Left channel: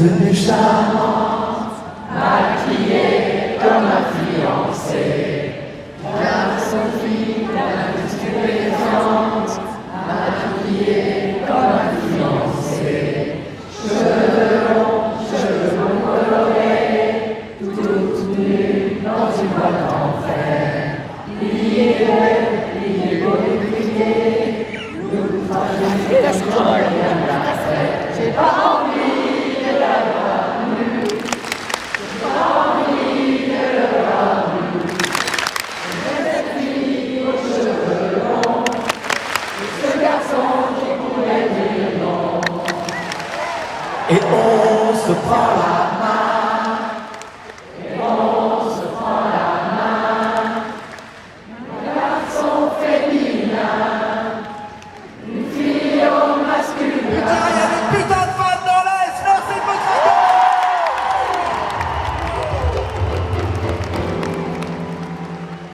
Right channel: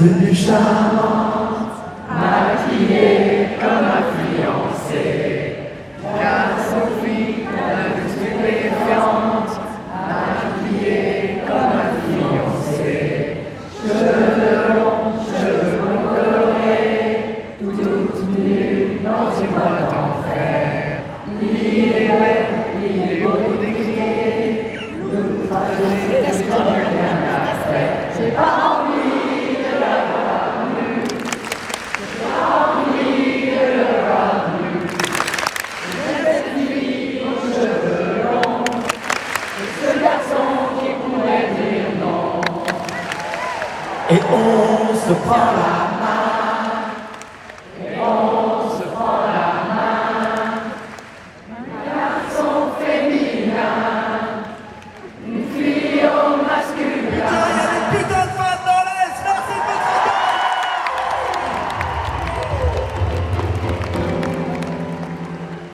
tenue charmante, maquillée comme ma fiancée. La Sophie, la petite élégante, maquillée comme ma fiancée. Cheveux longs colorés, toute nue dans une boîte d'enfer. Il est beau de crier, nous fâchons comme rien n'a fait. J'ai pas envie de l'avoir nu, j'ai pas envie de le voir nu. Cette fille aux cheveux longs, et ce garçon qui pourrait dire non. Et on se prend la